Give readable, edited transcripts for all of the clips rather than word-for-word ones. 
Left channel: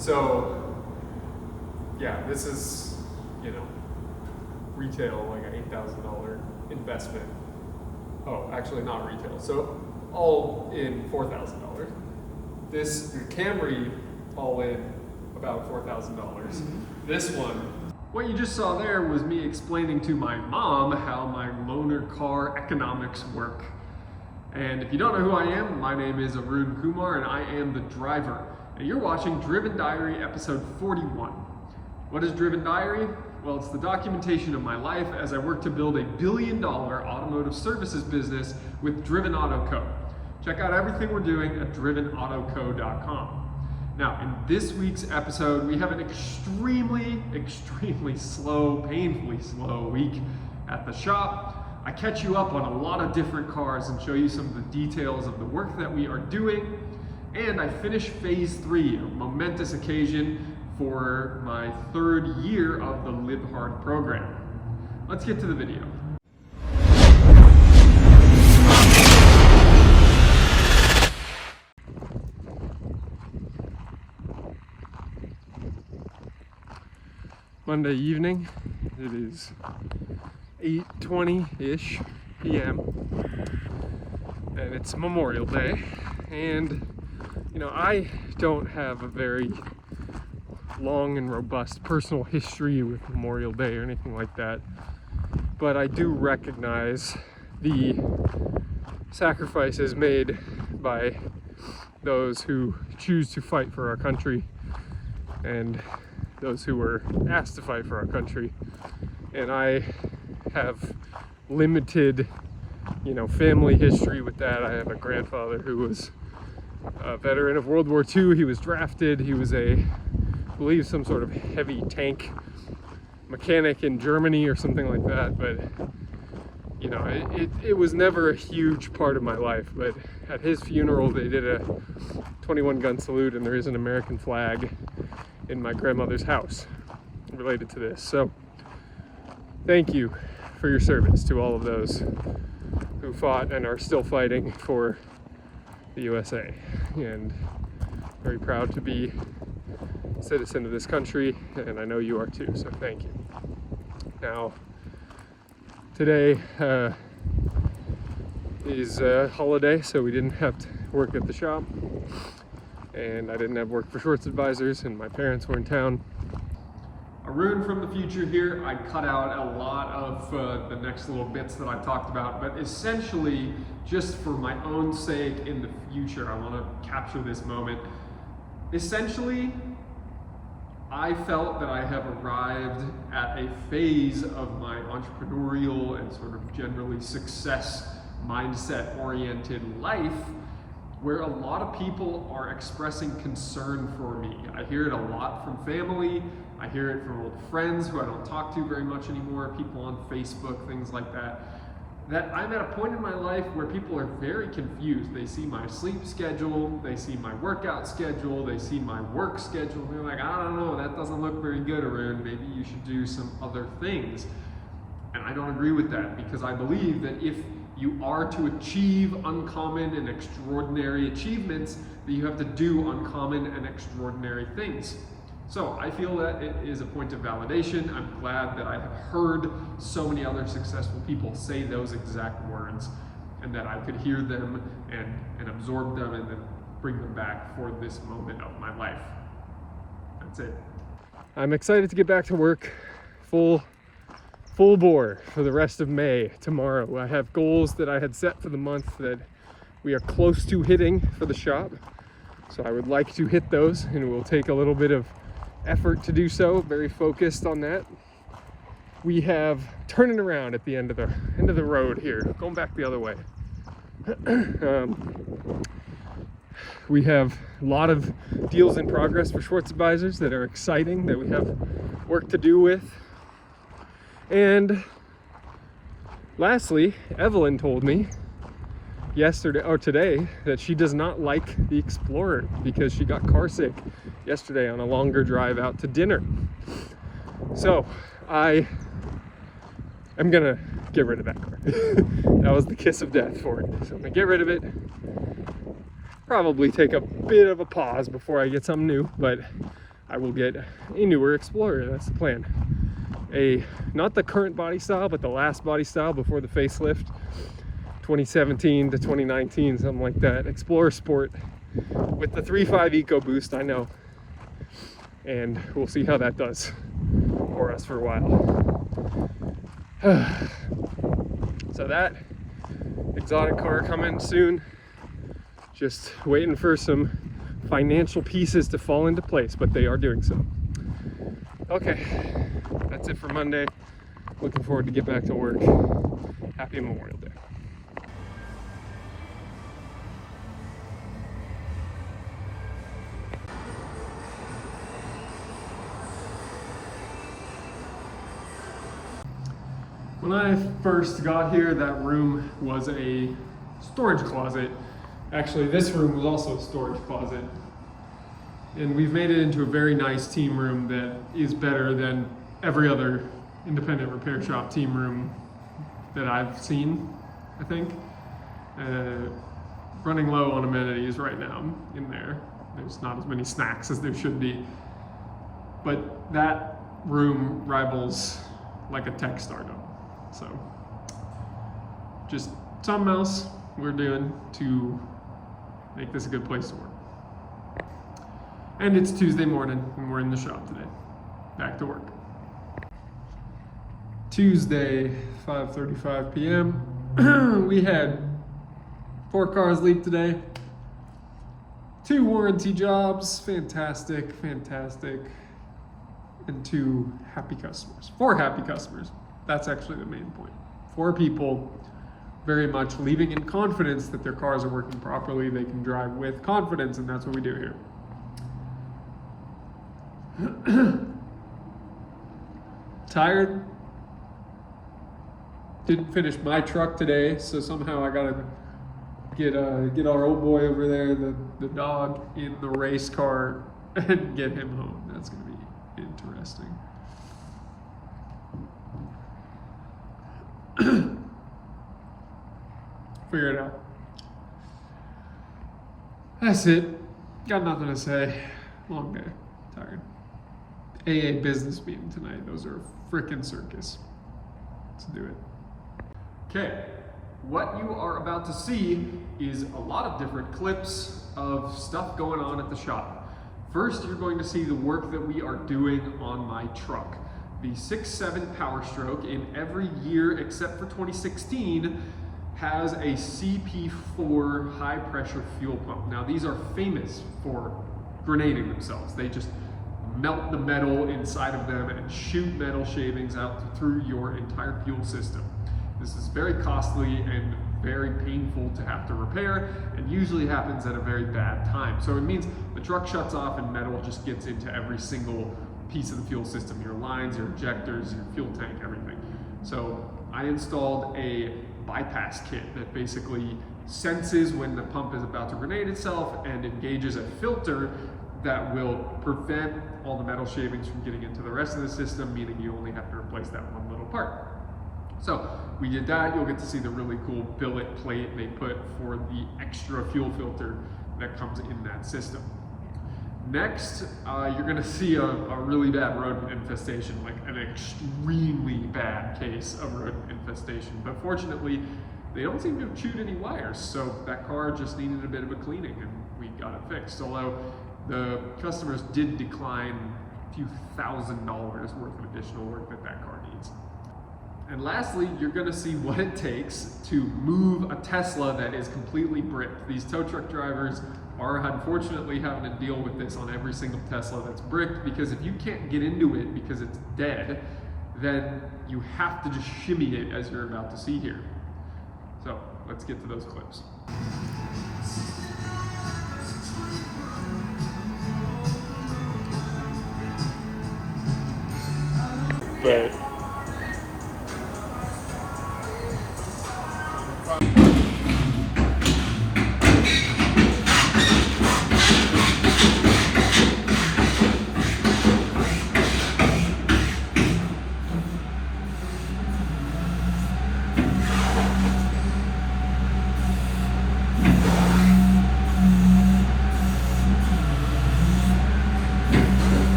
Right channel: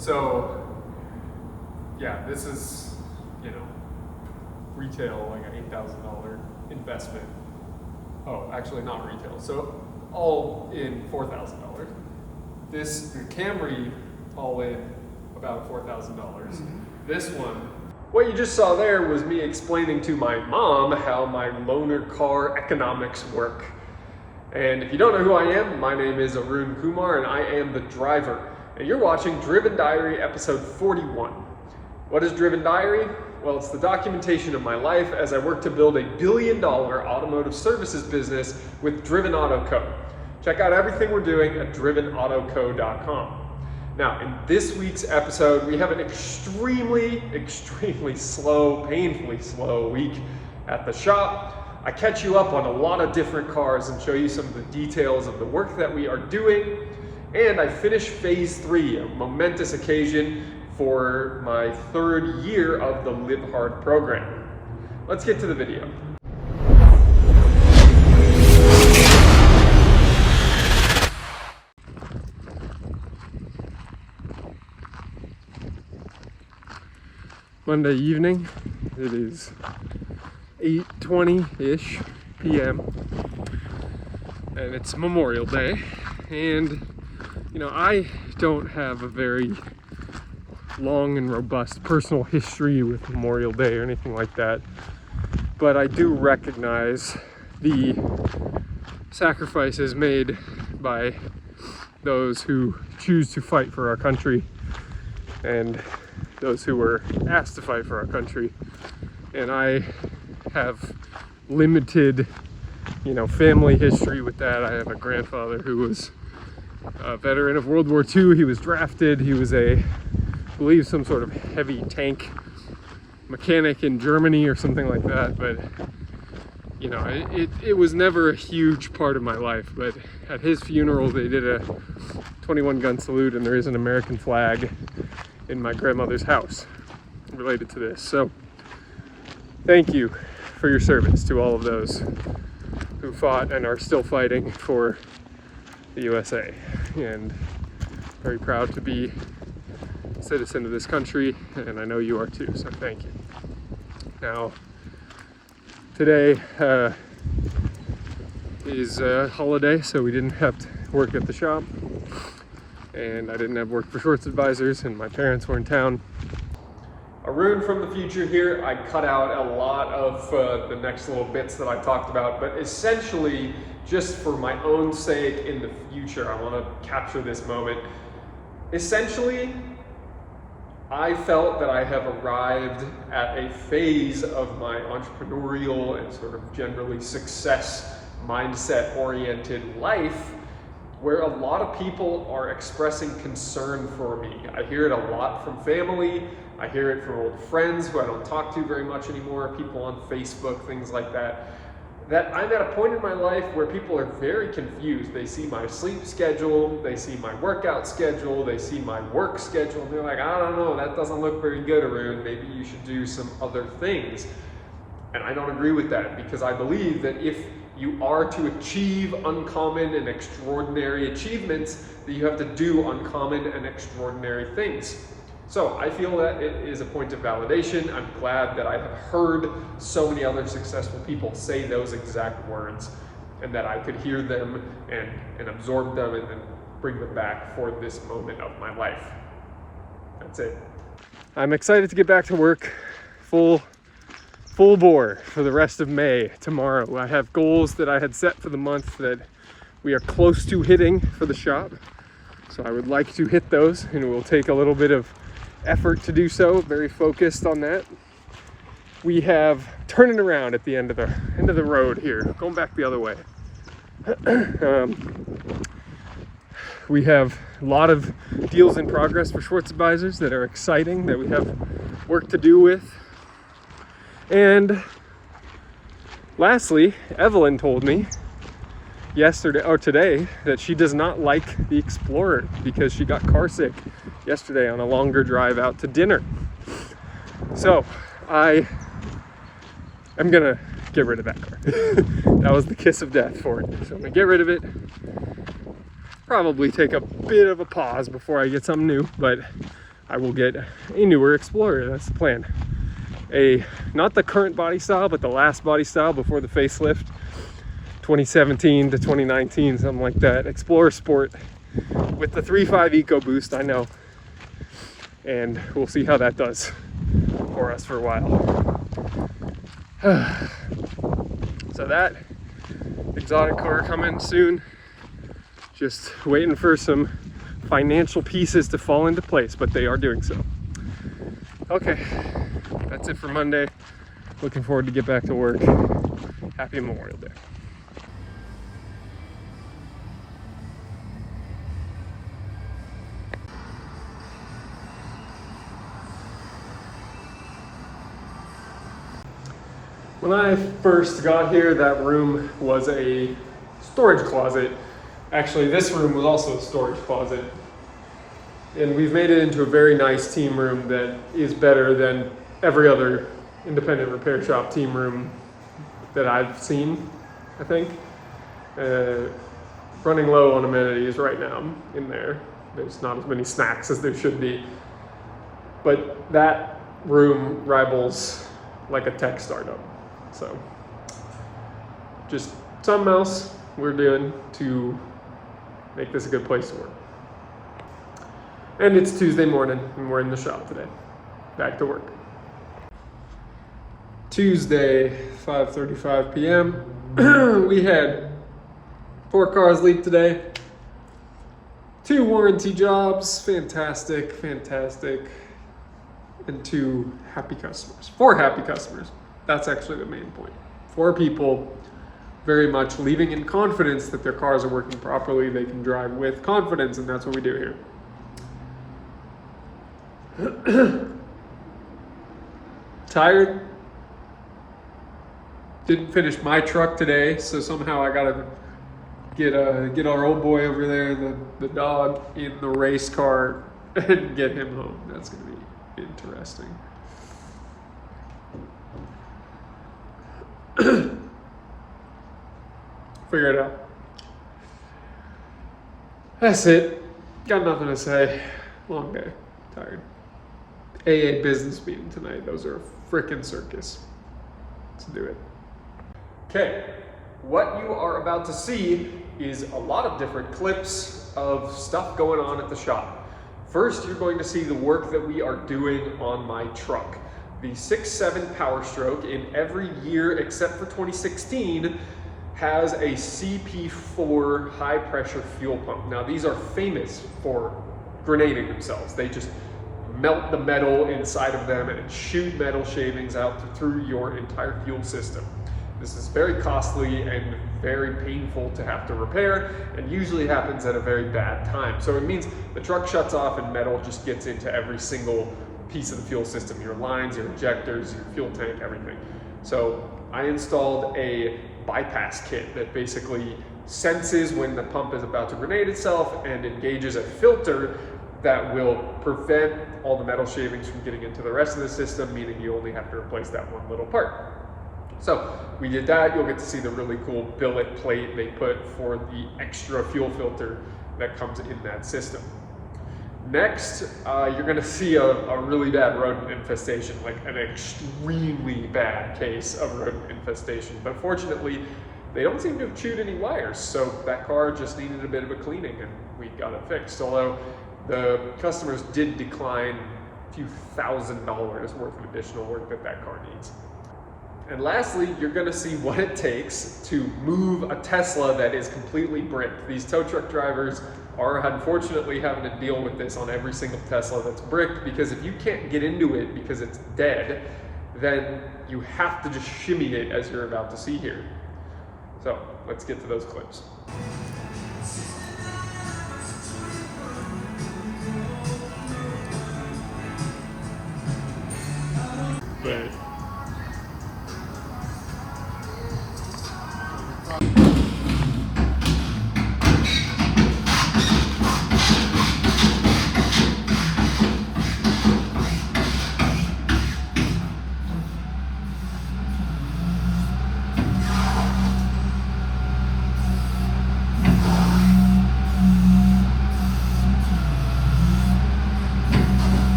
So yeah, this is, you know, retail, like an $8,000 investment. Oh, actually not retail. So all in $4,000. The Camry, all in about $4,000. This one, what you just saw there was me explaining to my mom how my loaner car economics work. And if you don't know who I am, my name is Arun Kumar and I am the driver. And you're watching Driven Diary episode 41. What is Driven Diary? Well, it's the documentation of my life as I work to build a $1 billion automotive services business with Driven Auto Co. Check out everything we're doing at drivenautoco.com. Now, in this week's episode, we have an extremely slow, painfully slow week at the shop. I catch you up on a lot of different cars and show you some of the details of the work that we are doing. And I finish phase 3, a momentous occasion for my 3rd year of the Live Hard program. Let's get to the video. Monday evening, it is 8:20-ish p.m. and it's Memorial Day, and you know, I don't have a very long and robust personal history with Memorial Day or anything like that, but I do recognize the sacrifices made by those who choose to fight for our country and those who were asked to fight for our country. And I have limited, you know, family history with that. I have a grandfather who was a veteran of World War II. He was drafted. He was I believe some sort of heavy tank mechanic in Germany or something like that. But you know, it was never a huge part of my life. But at his funeral, they did a 21-gun salute, and there is an American flag in my grandmother's house related to this. So thank you for your service to all of those who fought and are still fighting for the USA, and very proud to be a citizen of this country, and I know you are too, so thank you. Now, today is a holiday, so we didn't have to work at the shop, and I didn't have work for Shorts Advisors, and my parents were in town. Arun from the future here. I cut out a lot of the next little bits that I talked about, but essentially, just for my own sake in the future, I want to capture this moment. Essentially, I felt that I have arrived at a phase of my entrepreneurial and sort of generally success mindset-oriented life where a lot of people are expressing concern for me. I hear it a lot from family. I hear it from old friends who I don't talk to very much anymore, people on Facebook, things like that. That I'm at a point in my life where people are very confused. They see my sleep schedule, they see my workout schedule, they see my work schedule, and they're like, I don't know, that doesn't look very good, Arun. Maybe you should do some other things. And I don't agree with that, because I believe that if you are to achieve uncommon and extraordinary achievements, that you have to do uncommon and extraordinary things. So I feel that it is a point of validation. I'm glad that I have heard so many other successful people say those exact words, and that I could hear them and absorb them and then bring them back for this moment of my life. That's it. I'm excited to get back to work full bore for the rest of May tomorrow. I have goals that I had set for the month that we are close to hitting for the shop. So I would like to hit those, and it will take a little bit of effort to do so, very focused on that. We have turning around at the end of the road here, going back the other way. We have a lot of deals in progress for Shorts Advisors that are exciting, that we have work to do with. And lastly, Evelyn told me yesterday or today that she does not like the Explorer because she got car sick yesterday on a longer drive out to dinner. So I am gonna get rid of that car. That was the kiss of death for it. So I'm gonna get rid of it. Probably take a bit of a pause before I get something new, but I will get a newer Explorer. That's the plan. Not the current body style, but the last body style before the facelift, 2017 to 2019, something like that. Explorer Sport with the 3.5 EcoBoost, I know. And we'll see how that does for us for a while. So that exotic car coming soon. Just waiting for some financial pieces to fall into place, but they are doing so. Okay, that's it for Monday. Looking forward to get back to work. Happy Memorial Day. When I first got here, that room was a storage closet. Actually, this room was also a storage closet. And we've made it into a very nice team room that is better than every other independent repair shop team room that I've seen, I think. Running low on amenities right now in there. There's not as many snacks as there should be. But that room rivals like a tech startup. So just something else we're doing to make this a good place to work. And it's Tuesday morning and we're in the shop today. Back to work. Tuesday, 5:35 p.m. We had 4 cars leak today. 2 warranty jobs, fantastic. And 2 happy customers, 4 happy customers. That's actually the main point. 4 people very much leaving in confidence that their cars are working properly, they can drive with confidence, and that's what we do here. Tired. Didn't finish my truck today, so somehow I gotta get our old boy over there, the dog, in the race car and get him home. That's gonna be interesting. Figure it out. That's it. Got nothing to say. Long day. Tired. AA business meeting tonight. Those are a frickin' circus. Let's do it. Okay. What you are about to see is a lot of different clips of stuff going on at the shop. First, you're going to see the work that we are doing on my truck. The 6.7 Power Stroke, in every year except for 2016, has a CP4 high pressure fuel pump. Now these are famous for grenading themselves. They just melt the metal inside of them and shoot metal shavings out through your entire fuel system. This is very costly and very painful to have to repair, and usually happens at a very bad time. So it means the truck shuts off and metal just gets into every single piece of the fuel system, your lines, your injectors, your fuel tank, everything. So I installed a bypass kit that basically senses when the pump is about to grenade itself and engages a filter that will prevent all the metal shavings from getting into the rest of the system, meaning you only have to replace that one little part. So we did that. You'll get to see the really cool billet plate they put for the extra fuel filter that comes in that system. Next, you're gonna see a really bad rodent infestation, like an extremely bad case of rodent infestation. But fortunately, they don't seem to have chewed any wires, so that car just needed a bit of a cleaning and we got it fixed. Although the customers did decline a few $1,000s worth of additional work that car needs. And lastly, you're gonna see what it takes to move a Tesla that is completely bricked. These tow truck drivers are unfortunately having to deal with this on every single Tesla that's bricked, because if you can't get into it because it's dead, then you have to just shimmy it as you're about to see here. So let's get to those clips. But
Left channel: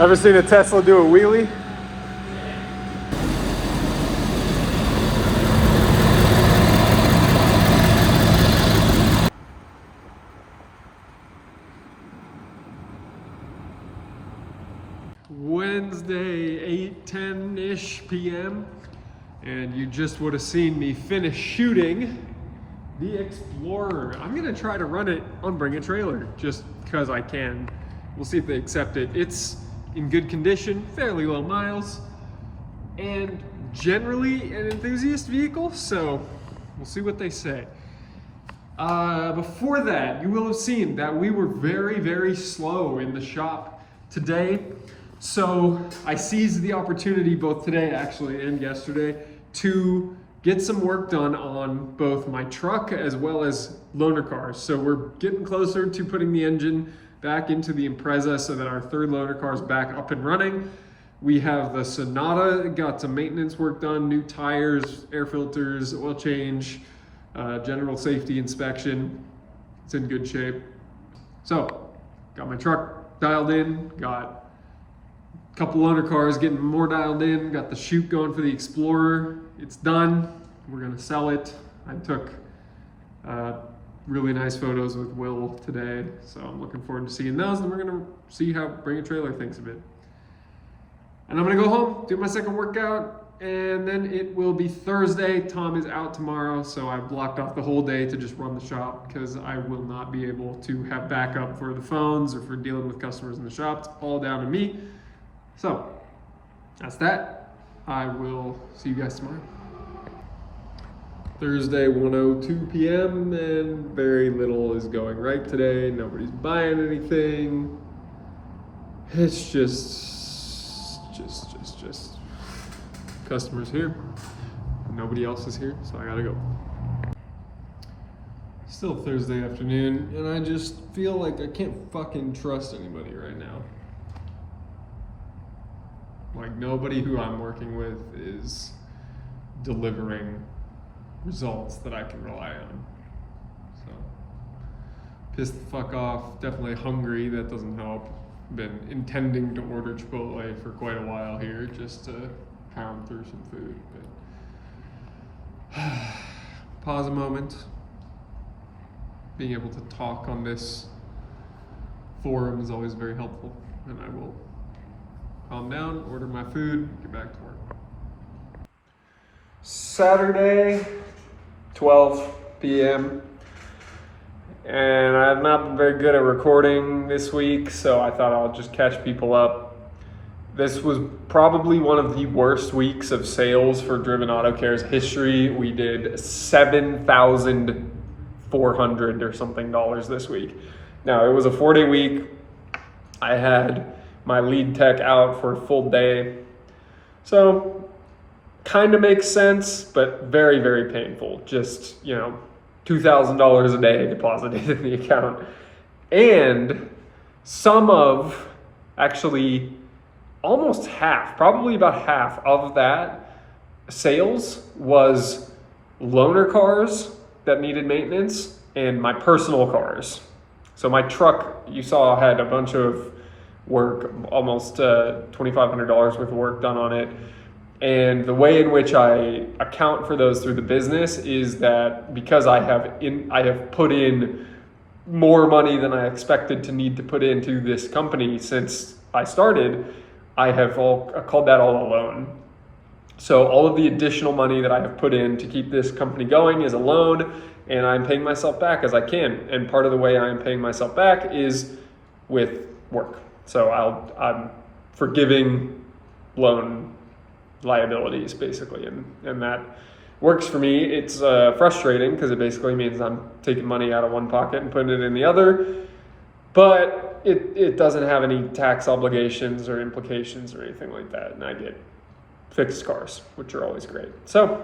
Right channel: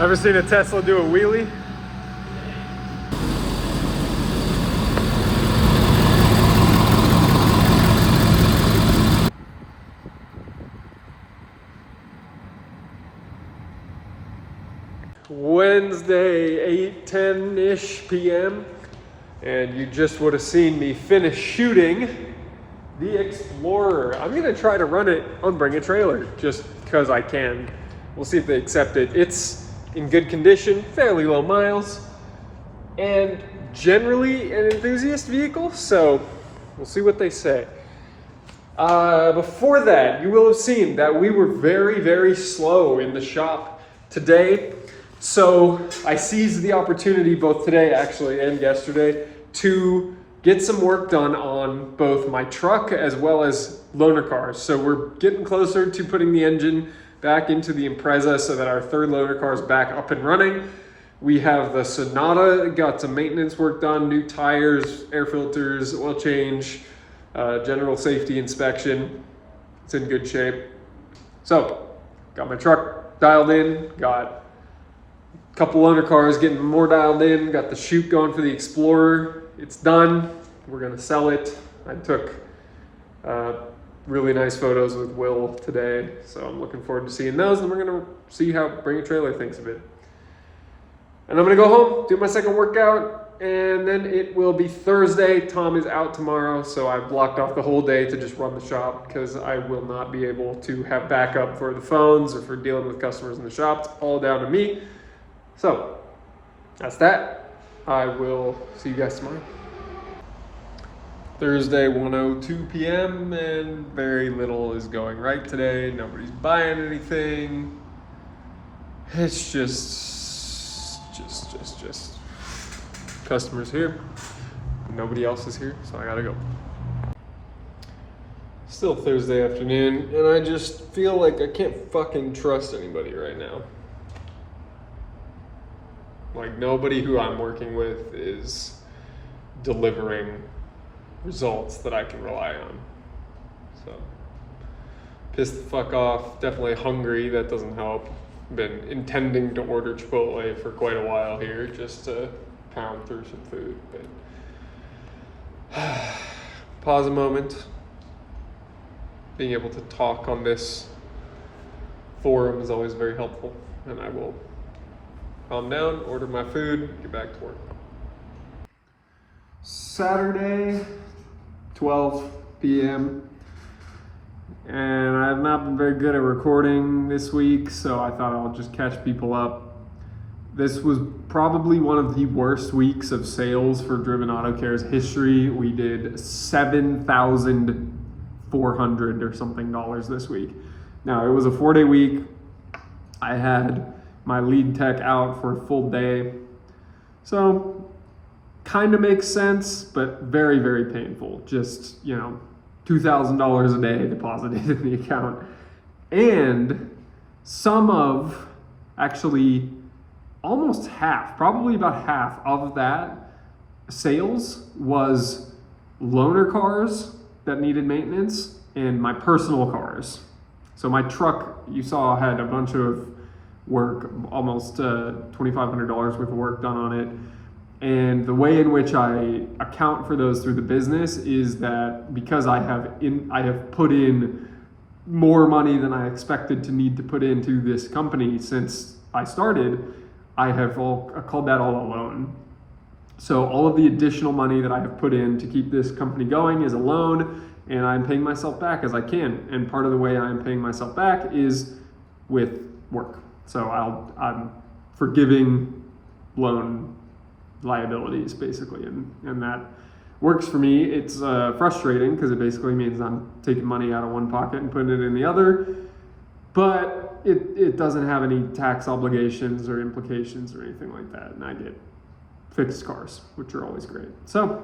Ever seen a Tesla do a wheelie? Wednesday, 8:10-ish p.m. and you just would have seen me finish shooting the Explorer. I'm gonna try to run it on Bring a Trailer just because I can. We'll see if they accept it. It's in good condition, fairly low miles, and generally an enthusiast vehicle, so we'll see what they say. Before that, you will have seen that we were very, very slow in the shop today. So I seized the opportunity both today actually and yesterday to get some work done on both my truck as well as loaner cars. So we're getting closer to putting the engine back into the Impreza so that our third loaner car is back up and running. We have the Sonata, got some maintenance work done, new tires, air filters, oil change, general safety inspection. It's in good shape. So got my truck dialed in, got couple loaner cars getting more dialed in, got the shoot going for the Explorer. It's done. We're gonna sell it. I took really nice photos with Will today, so I'm looking forward to seeing those, and we're gonna see how Bring a Trailer thinks of it. And I'm gonna go home, do my second workout, and then it will be Thursday. Tom is out tomorrow, so I've blocked off the whole day to just run the shop because I will not be able to have backup for the phones or for dealing with customers in the shop. It's all down to me. So that's that. I will see you guys tomorrow. Thursday, 1:02 p.m. and very little is going right today. Nobody's buying anything. It's just customers here. Nobody else is here, so I gotta go. Still Thursday afternoon, and I just feel like I can't fucking trust anybody right now. Like, nobody who I'm working with is delivering results that I can rely on. So, pissed the fuck off, definitely hungry, that doesn't help. Been intending to order Chipotle for quite a while here, just to pound through some food, but pause a moment. Being able to talk on this forum is always very helpful, and I will calm down, order my food, get back to work. Saturday, 12 p.m. And I have not been very good at recording this week, so I thought I'll just catch people up. This was probably one of the worst weeks of sales for Driven Auto Care's history. We did $7,400 or something this week. Now, it was a 4-day week. I had my lead tech out for a full day. So kind of makes sense, but very, very painful. Just, $2,000 a day deposited in the account. And actually almost half, probably about half of that sales was loaner cars that needed maintenance and my personal cars. So my truck, you saw, had a bunch of work, almost $2,500 worth of work done on it. And the way in which I account for those through the business is that because I have put in more money than I expected to need to put into this company since I started, I called that all a loan. So all of the additional money that I have put in to keep this company going is a loan, and I'm paying myself back as I can. And part of the way I am paying myself back is with work. So I'm forgiving loan liabilities basically, and that works for me. It's frustrating because it basically means I'm taking money out of one pocket and putting it in the other, but it doesn't have any tax obligations or implications or anything like that, and I get fixed cars, which are always great. So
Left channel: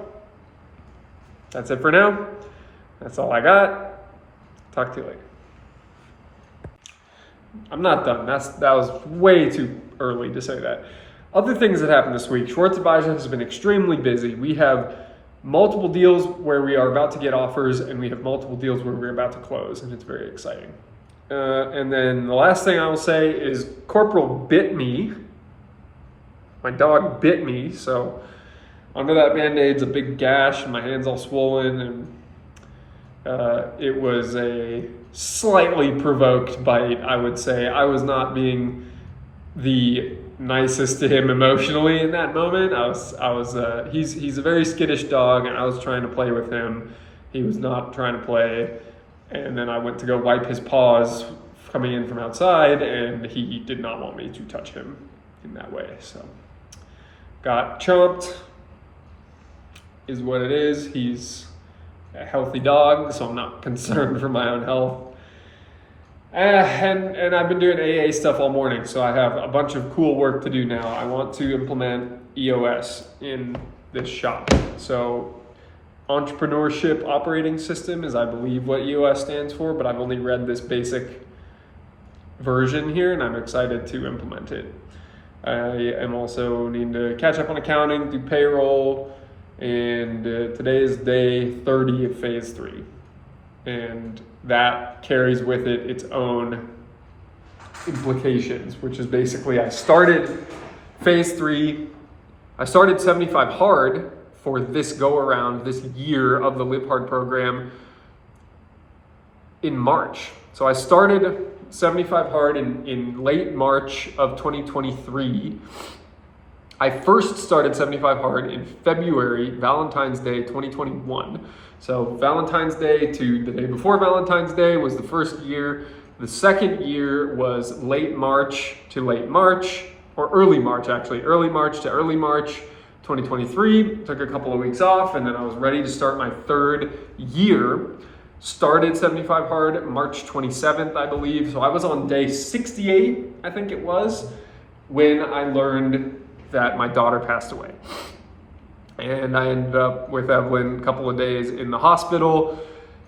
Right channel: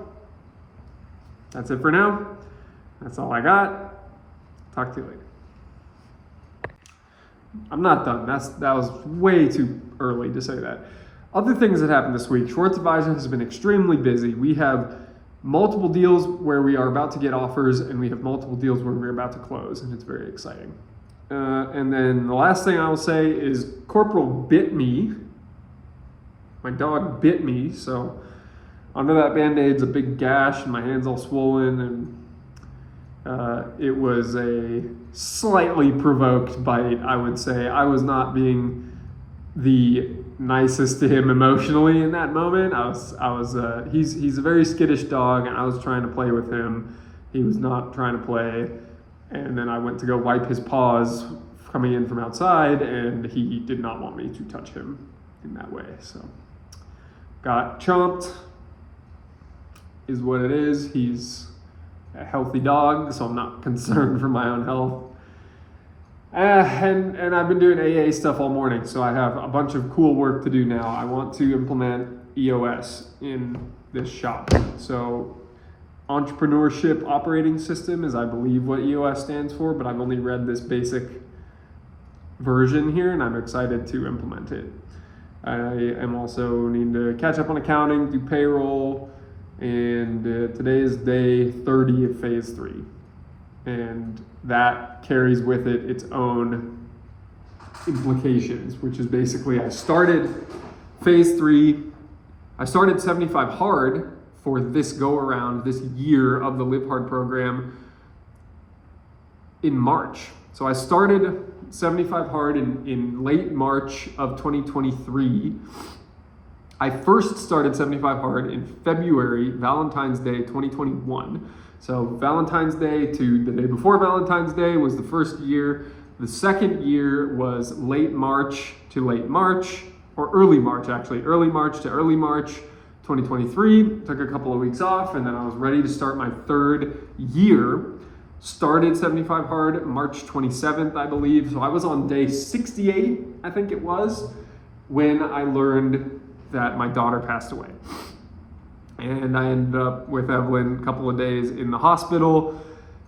that's it for now. That's all I got. Talk to you later. I'm not done. That was way too early to say that. Other things that happened this week. Schwartz Advisor has been extremely busy. We have multiple deals where we are about to get offers, and we have multiple deals where we're about to close, and it's very exciting. And then the last thing I will say is Corporal bit me. My dog bit me, so under that Band-Aid's a big gash and my hand's all swollen, and it was a slightly provoked bite, I would say. I was not being the nicest to him emotionally in that moment. He's a very skittish dog, and I was trying to play with him. He was not trying to play. And then I went to go wipe his paws coming in from outside, and he did not want me to touch him in that way. So got chomped is what it is. He's a healthy dog, so I'm not concerned for my own health. And I've been doing AA stuff all morning, so I have a bunch of cool work to do now. I want to implement EOS in this shop. So Entrepreneurship Operating System is, I believe, what EOS stands for, but I've only read this basic version here, and I'm excited to implement it. I am also needing to catch up on accounting, do payroll, and today is day 30 of phase 3. And that carries with it its own implications, which is basically I started phase 3, I started 75 hard for this go around, this year of the Live Hard program in March. So I started 75 hard in late March of 2023. I first started 75 hard in February, Valentine's Day 2021. So Valentine's Day to the day before Valentine's Day was the first year. The second year was late March to late March, or early March actually, early March to early March 2023. Took a couple of weeks off, and then I was ready to start my third year. Started 75 hard March 27th, I believe. So I was on day 68, I think it was, when I learned that my daughter passed away. And I ended up with Evelyn a couple of days in the hospital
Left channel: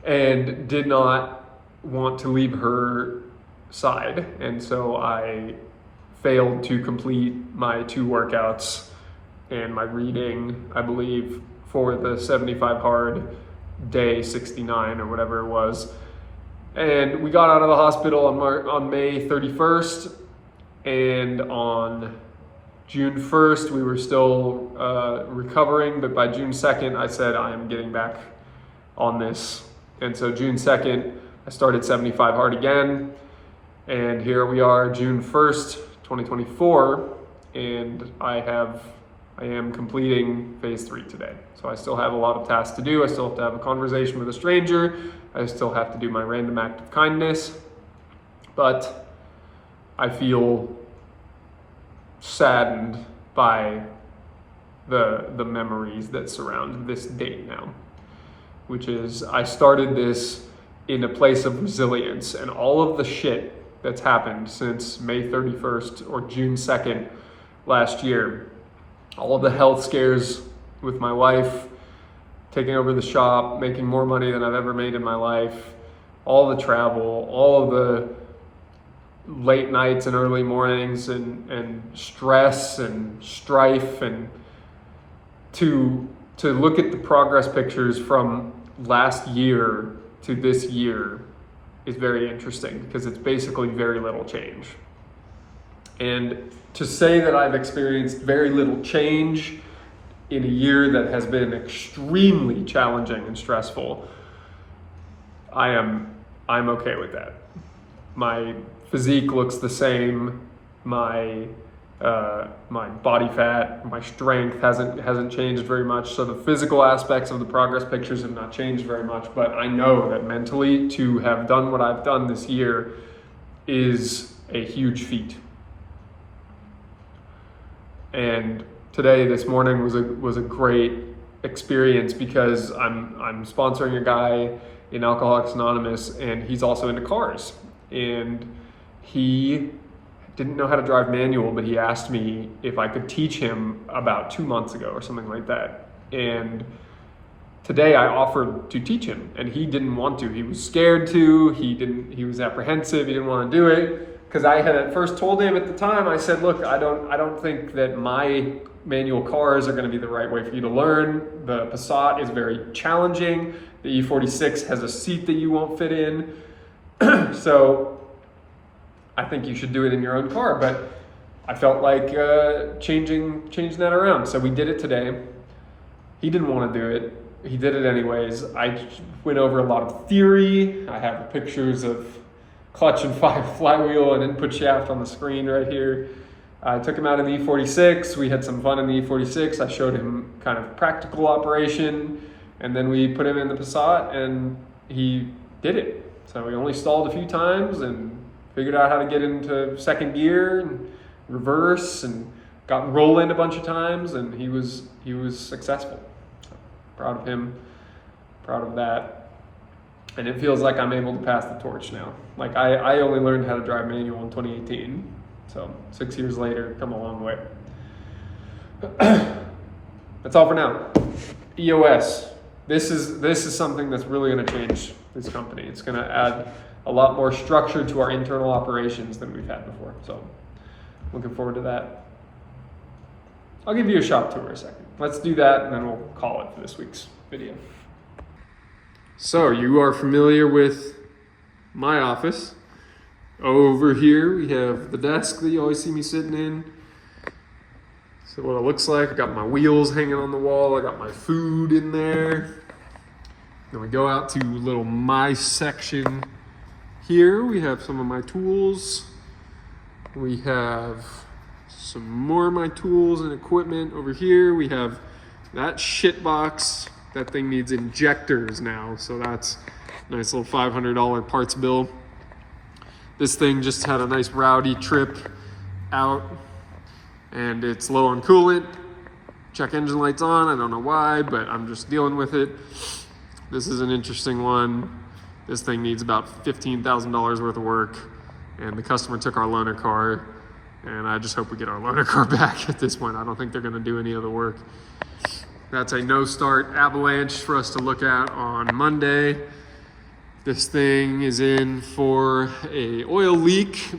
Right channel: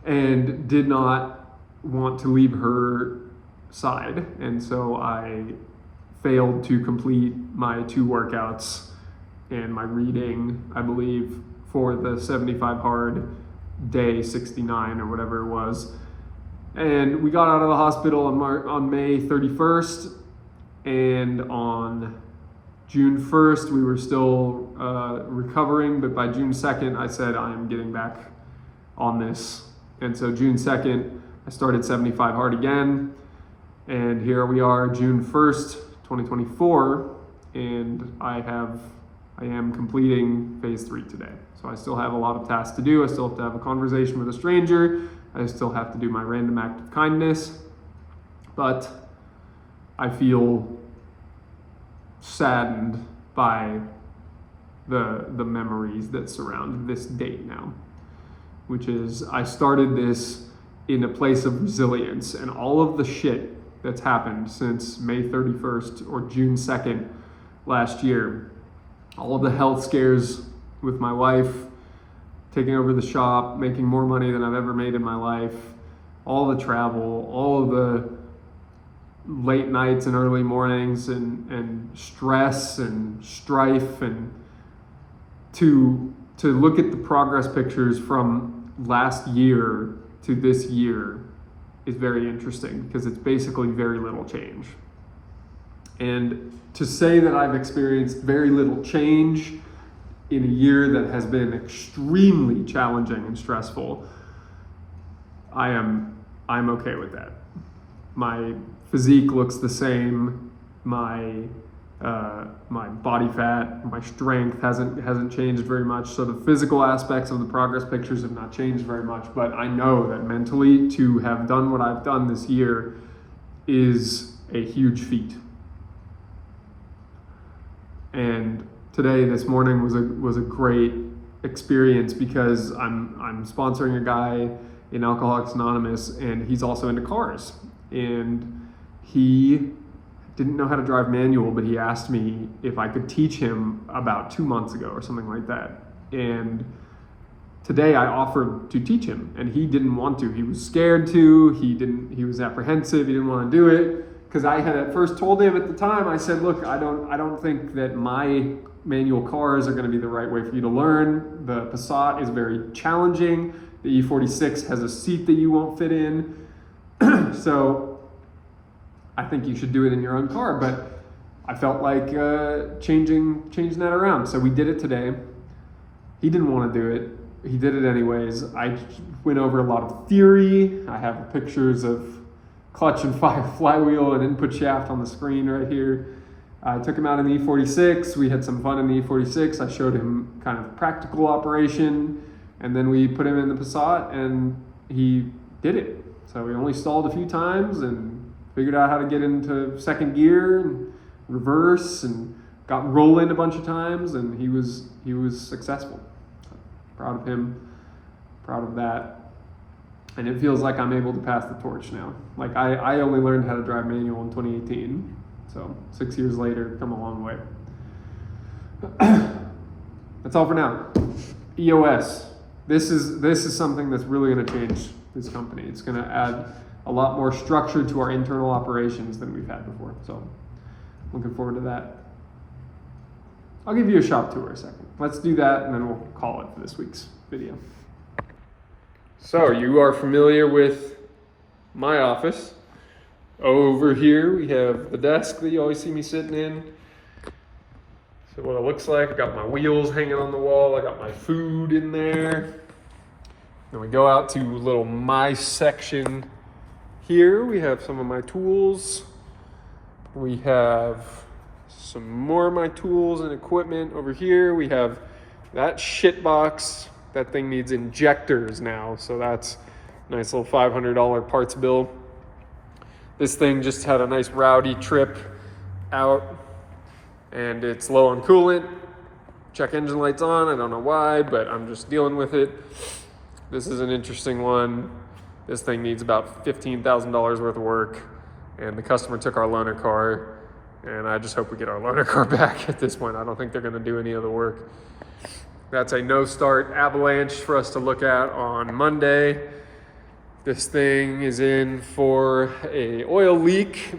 and did not want to leave her side. And so I failed to complete my 2 workouts and my reading, I believe, for the 75 hard day 69 or whatever it was. And we got out of the hospital on May 31st, and on June 1st, we were still recovering, but by June 2nd, I said, I am getting back on this. And so June 2nd, I started 75 hard again, and here we are, June 1st, 2024, and I am completing phase 3 today. So I still have a lot of tasks to do. I still have to have a conversation with a stranger. I still have to do my random act of kindness, but I feel saddened by the memories that surround this date now, which is I started this in a place of resilience, and all of the shit that's happened since May 31st or June 2nd last year, all of the health scares with my wife, taking over the shop, making more money than I've ever made in my life, all the travel, all of the late nights and early mornings and stress and strife, and to look at the progress pictures from last year to this year is very interesting, because it's basically very little change. And to say that I've experienced very little change in a year that has been extremely challenging and stressful, I'm okay with that. My physique looks the same. My body fat, my strength hasn't changed very much. So the physical aspects of the progress pictures have not changed very much. But I know that mentally, to have done what I've done this year is a huge feat. And today, this morning was a great experience, because I'm sponsoring a guy in Alcoholics Anonymous, and he's also into cars. And he didn't know how to drive manual, but he asked me if I could teach him about 2 months ago or something like that. And today I offered to teach him, and he didn't want to. He was scared to. He was apprehensive. He didn't want to do it. Because I had at first told him at the time, I said, look, I don't think that my manual cars are going to be the right way for you to learn. The Passat is very challenging. The E46 has a seat that you won't fit in. So I think you should do it in your own car, but I felt like changing that around. So we did it today. He didn't want to do it. He did it anyways. I went over a lot of theory. I have pictures of clutch and flywheel and input shaft on the screen right here. I took him out in the E46. We had some fun in the E46. I showed him kind of practical operation, and then we put him in the Passat, and he did it. So we only stalled a few times and figured out how to get into second gear and reverse, and got rolling a bunch of times, and he was successful. So proud of him, proud of that. And it feels like I'm able to pass the torch now. Like I only learned how to drive manual in 2018. So 6 years later, come a long way. That's all for now. EOS. This is something that's really going to change this company. It's going to add a lot more structure to our internal operations than we've had before. So looking forward to that. I'll give you a shop tour in a second. Let's do that, and then we'll call it for this week's video. So you are familiar with my office. Over here we have the desk that you always see me sitting in. So what it looks like, I got my wheels hanging on the wall, I got my food in there. Then we go out to a little my section here. We have some of my tools. We have some more of my tools and equipment over here. We have that shit box. That thing needs injectors now, so that's a nice little $500 parts bill. This thing just had a nice rowdy trip out, and it's low on coolant. Check engine lights on, I don't know why, but I'm just dealing with it. This is an interesting one. This thing needs about $15,000 worth of work, and the customer took our loaner car, and I just hope we get our loaner car back at this point. I don't think they're gonna do any other work. That's a no start avalanche for us to look at on Monday. This thing is in for a oil leak,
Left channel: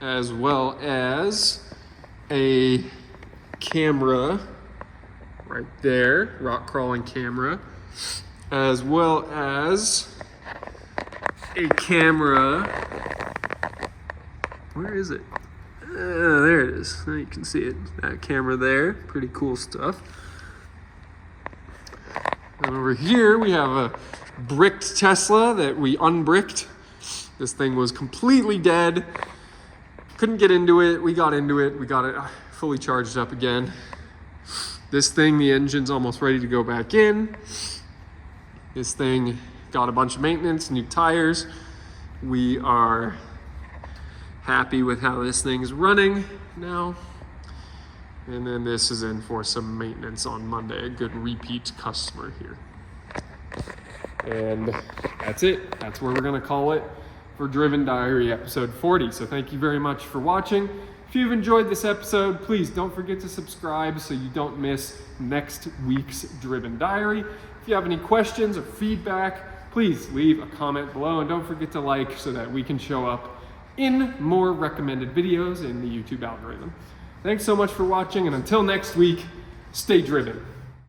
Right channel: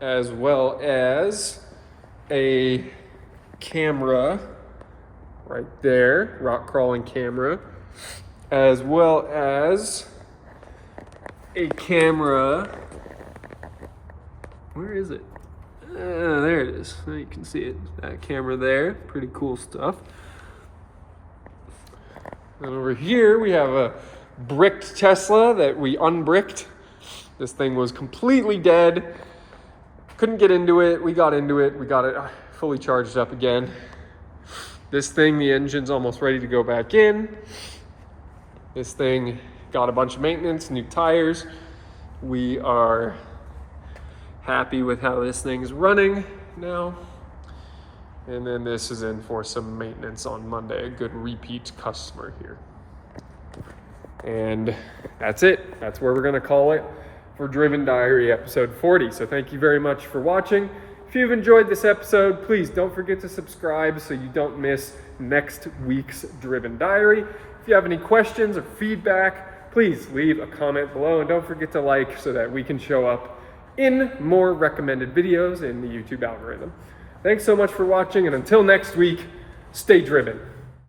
as well as a camera right there, rock crawling camera, as well as a camera. Where is it? There it is. Now you can see it. That camera there. Pretty cool stuff. And over here we have a bricked Tesla that we unbricked. This thing was completely dead. Couldn't get into it. We got into it. We got it fully charged up again. This thing, the engine's almost ready to go back in. This thing got a bunch of maintenance, new tires. We are happy with how this thing's running now. And then this is in for some maintenance on Monday, a good repeat customer here. And that's it. That's where we're gonna call it for Driven Diary episode 40. So thank you very much for watching. If you've enjoyed this episode, please don't forget to subscribe so you don't miss next week's Driven Diary. If you have any questions or feedback, please leave a comment below, and don't forget to like so that we can show up in more recommended videos in the YouTube algorithm. Thanks so much for watching, and until next week, stay driven.